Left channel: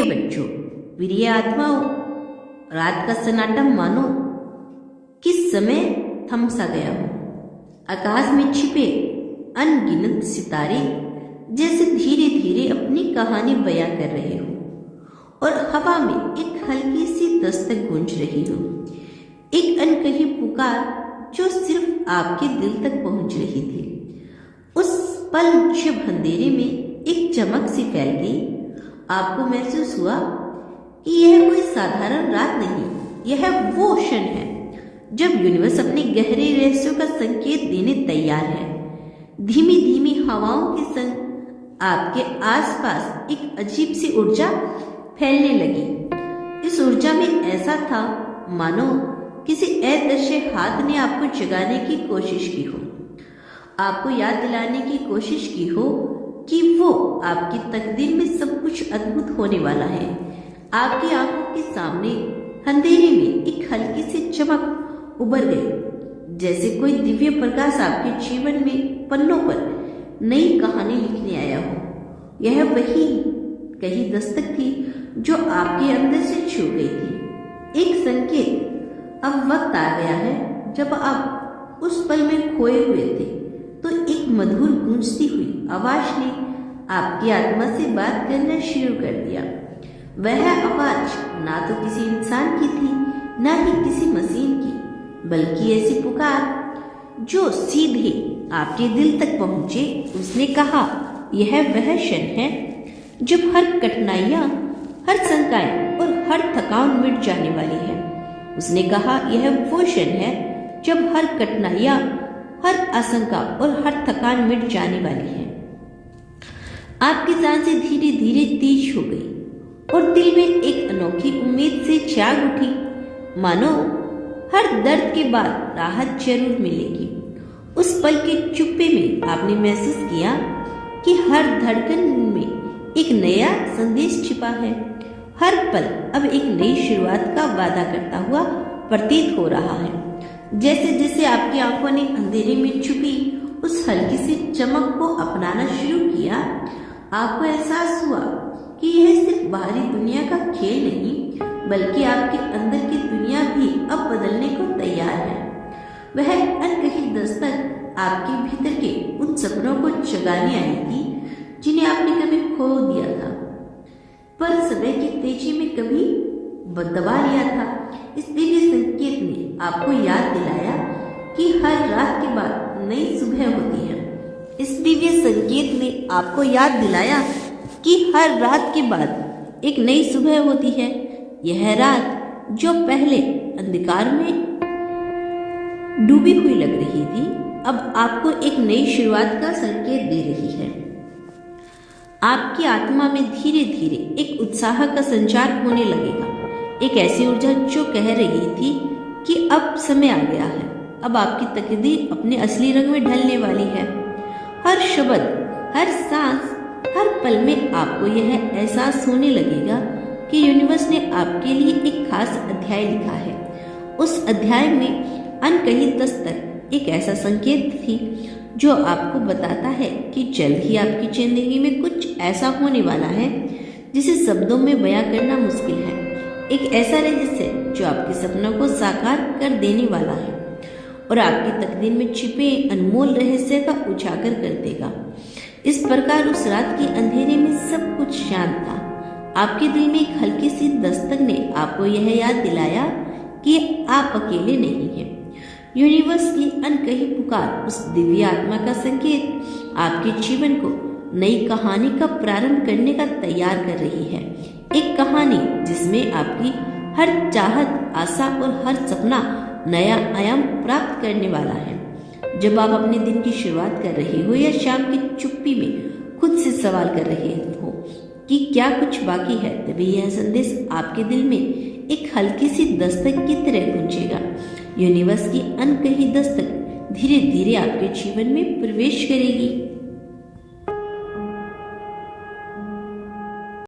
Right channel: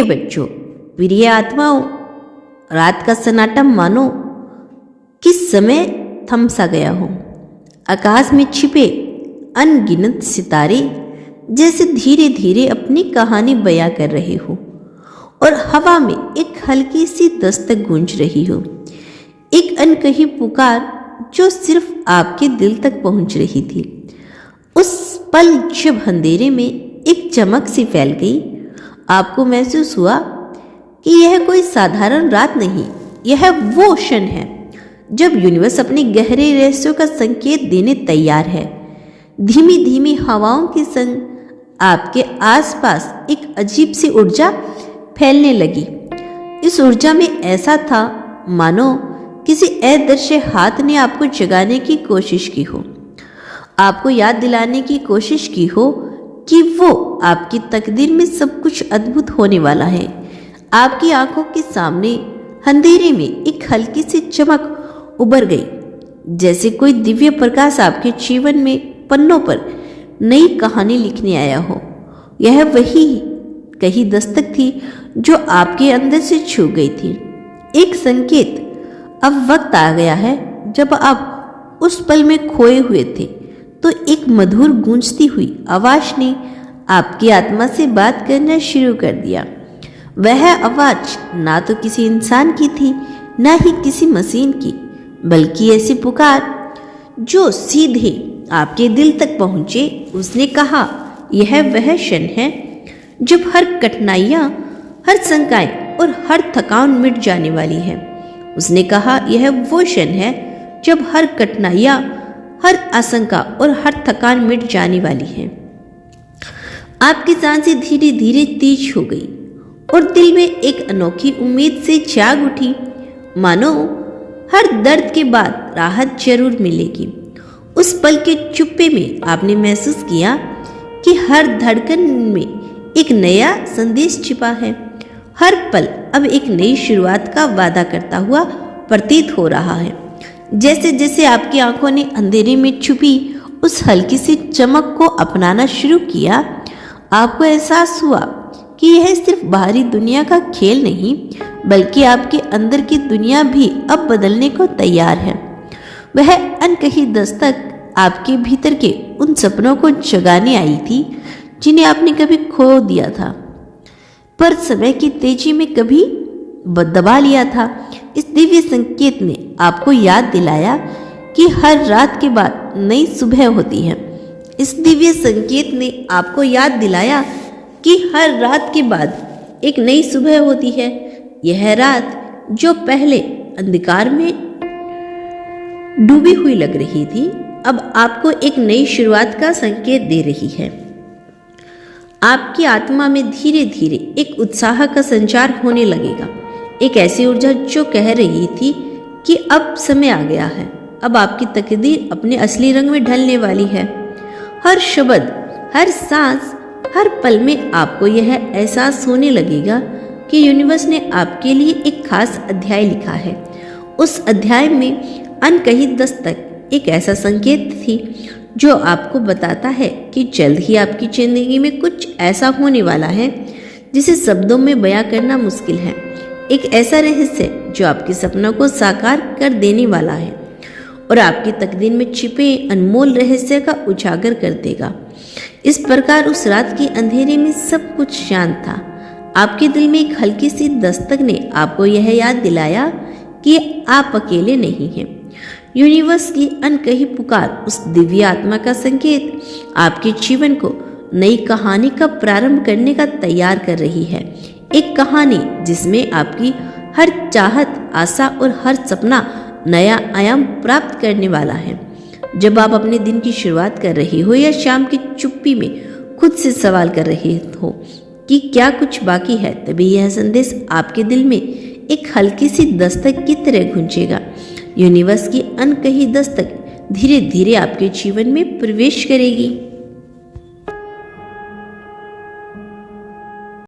प्रिय बच्चों, प्रिय आत्माओं, रात का सन्नाटा मानो किस समय थम सा गया हो। आकाश में छिपे अनगिनत सितारे जैसे धीरे धीरे अपनी कहानी बयां कर रहे हो और हवा में एक हल्की सी दस्तक गूंज रही हो, एक अनकही पुकार जो सिर्फ आपके दिल तक पहुंच रही थी। उस पल जब अंधेरे में एक चमक सी फैल गई, आपको महसूस हुआ कि यह कोई साधारण रात नहीं, यह वो क्षण है जब यूनिवर्स अपने गहरे रहस्यों का संकेत देने तैयार है। धीमी धीमी हवाओं के संग आपके आसपास एक अजीब सी ऊर्जा फैलने लगी। इस ऊर्जा में ऐसा था मानो किसी अदृश्य हाथ ने आपको जगाने की कोशिश की हो, आपको याद दिलाने की कोशिश की हो कि वो आपकी तकदीर में सब कुछ अद्भुत होने वाला है। आपकी आंखों के सामने अंधेरे में एक हल्की सी चमक उभर गई, जैसे कोई दिव्य प्रकाश आपके जीवन में पन्नों पर नई कहानी लिखने आया हो। यह वही कही दस्तक थी जो आपके अंदर से छू गई थी, एक संकेत। अब वक्त आ गया है जब आप उस पल में खोए हुए थे तो एक मधुर गूंजती हुई आवाज ने आपकी आत्मा से बात करना शुरू कर दिया। वह आवाज ना तो किसी इंसान की थी, ना ही किसी मशीन की, बल्कि ऐसी पुकार जो सीधे आपके दिल तक पहुंचे। उसने कहा, यह वह क्षण है जब हर कठिनाइयां, हर शंकाएं और हर थकान मिट जाने वाली है। उसने कहा, यह वो क्षण है जब हर कठिनाइयां, हर आशंका और हर थकान मिट जाने वाली है। आपकी सांसें धीरे धीरे तेज हो गई और दिल में एक अनोखी उम्मीद से जाग उठी, मानो हर दर्द के बाद राहत जरूर मिलेगी। उस पल के चुप्पे में आपने महसूस किया कि हर धड़कन में एक नया संदेश छिपा है। हर पल अब एक नई शुरुआत का वादा करता हुआ प्रतीत हो रहा है। जैसे जैसे आपकी आंखों ने अंधेरे में छुपी उस हल्की सी चमक को अपनाना शुरू किया, आपको एहसास हुआ कि यह सिर्फ बाहरी दुनिया का खेल नहीं, बल्कि आपके अंदर की दुनिया भी अब बदलने को तैयार है। वह अनकही दस्तक आपके भीतर के उन सपनों को जगाने आई थी जिन्हें आपने कभी खो दिया था, पर समय की तेजी में कभी दबा लिया था। इस दिव्य संकेत ने आपको याद दिलाया कि हर रात के बाद नई सुबह होती है। इस दिव्य संकेत ने आपको याद दिलाया कि हर रात के बाद एक नई सुबह होती है। यह रात जो पहले अंधकार में डूबी हुई लग रही थी, अब आपको एक नई शुरुआत का संकेत दे रही है। आपकी आत्मा में धीरे धीरे एक उत्साह का संचार होने लगेगा, एक ऐसी ऊर्जा जो कह रही थी कि अब समय आ गया है, अब आपकी तकदीर अपने असली रंग में ढलने वाली है। हर शब्द, हर सांस, हर पल में आपको यह एहसास होने लगेगा कि यूनिवर्स ने आपके लिए एक खास अध्याय लिखा है। उस अध्याय में अनकही दस्तक एक ऐसा संकेत थी जो आपको बताता है कि जल्द ही आपकी जिंदगी में कुछ ऐसा होने वाला है जिसे शब्दों में बयां करना मुश्किल है। एक ऐसा रहस्य जो आपके सपनों को साकार कर देने वाला है और आपकी तकदीर में छिपे अनमोल रहस्य का उजागर कर देगा। इस प्रकार उस रात के अंधेरे में सब कुछ शांत था। आपके दिल में एक हल्की सी दस्तक ने आपको यह याद दिलाया कि आप अकेले नहीं हैं। यूनिवर्स की अनकही पुकार, उस दिव्य आत्मा का संकेत आपके जीवन को नई कहानी का प्रारंभ करने का तैयार कर रही है। एक कहानी जिसमें आपकी हर चाहत, आशा और हर सपना नया आयाम प्राप्त करने वाला है। जब आप अपने दिन की शुरुआत कर रहे हो या शाम की चुप्पी में खुद से सवाल कर रहे हो कि क्या कुछ बाकी है, तभी यह संदेश आपके दिल में एक हल्की सी दस्तक की तरह गूंजेगा। यूनिवर्स की अनकही दस्तक धीरे धीरे आपके जीवन में प्रवेश करेगी।